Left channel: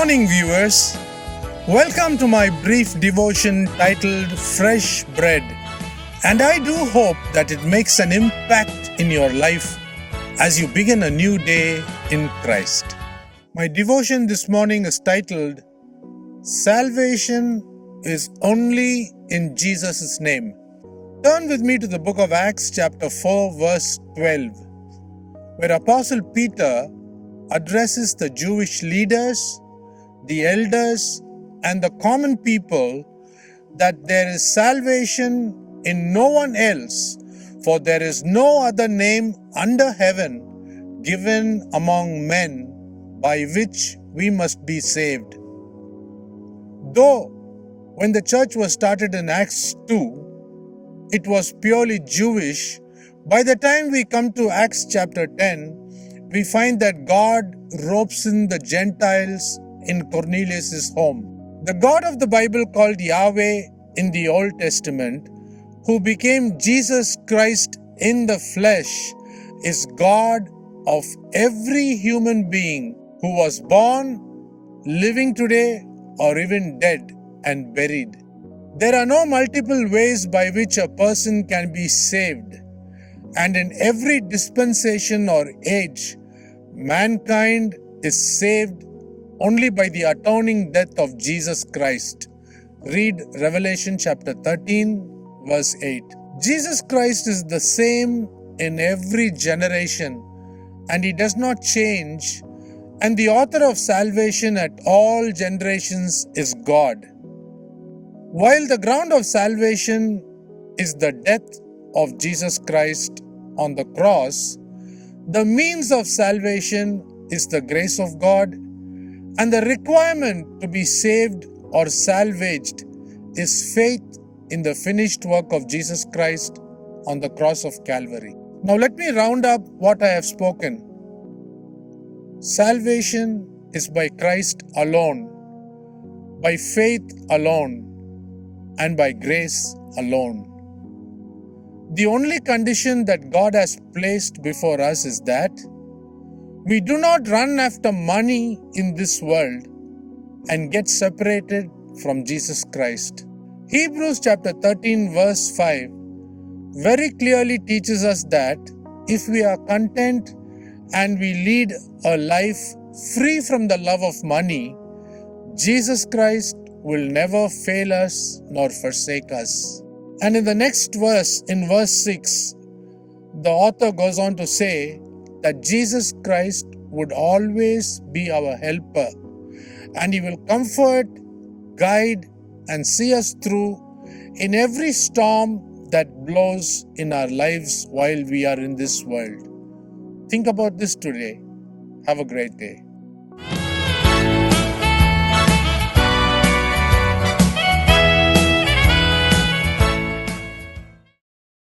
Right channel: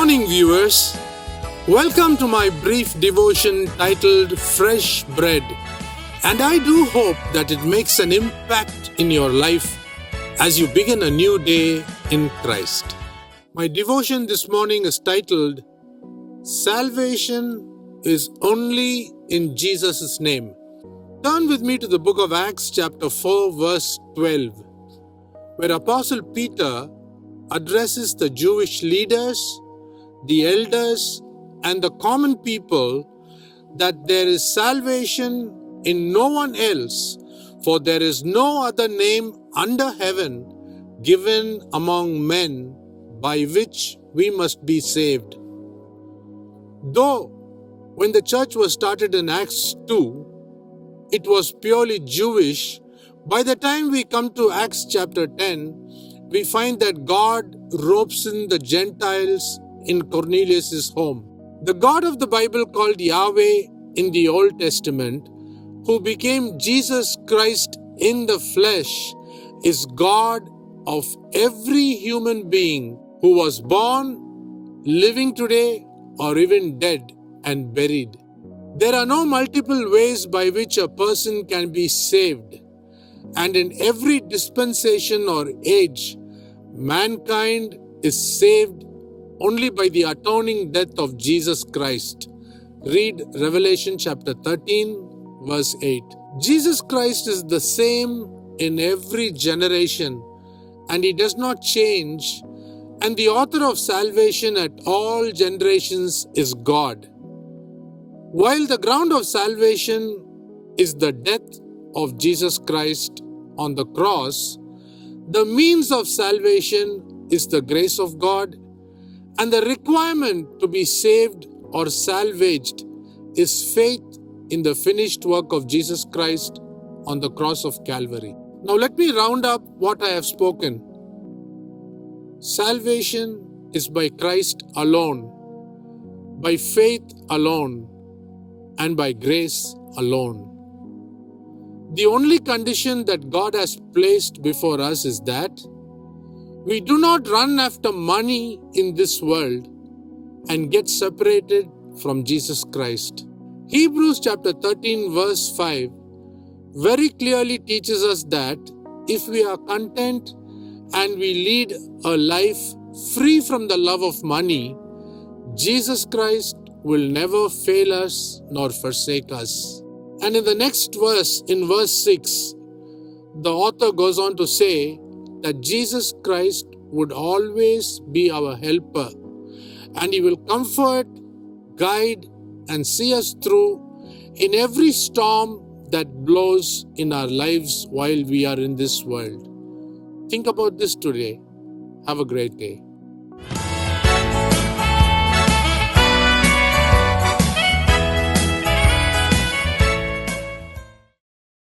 morning, viewers. Welcome to my brief devotion titled Fresh Bread. And I do hope that it makes an impact in your life as you begin a new day in Christ. My devotion this morning is titled Salvation is Only in Jesus' Name. Turn with me to the book of Acts chapter 4 verse 12, where Apostle Peter addresses the Jewish leaders, the elders, and the common people that there is salvation in no one else, for there is no other name under heaven given among men by which we must be saved. Though when the church was started in Acts 2, it was purely Jewish, by the time we come to Acts chapter 10, we find that God ropes in the Gentiles in Cornelius' home. The God of the Bible called Yahweh in the Old Testament, who became Jesus Christ in the flesh, is God of every human being who was born, living today, or even dead and buried. There are no multiple ways by which a person can be saved, and in every dispensation or age, mankind is saved only by the atoning death of Jesus Christ. Read Revelation chapter 13, verse 8. Jesus Christ is the same in every generation, and He does not change, and the author of salvation at all generations is God. While the ground of salvation is the death of Jesus Christ on the cross, the means of salvation is the grace of God, and the requirement to be saved or salvaged is faith in the finished work of Jesus Christ on the cross of Calvary. Now let me round up what I have spoken. Salvation is by Christ alone, by faith alone, and by grace alone. The only condition that God has placed before us is that we do not run after money in this world and get separated from Jesus Christ. Hebrews chapter 13 verse 5 very clearly teaches us that if we are content and we lead a life free from the love of money, Jesus Christ will never fail us nor forsake us. And in the next verse, in verse 6, the author goes on to say that Jesus Christ would always be our helper, and He will comfort, guide, and see us through in every storm that blows in our lives while we are in this world. Think about this today. Have a great day.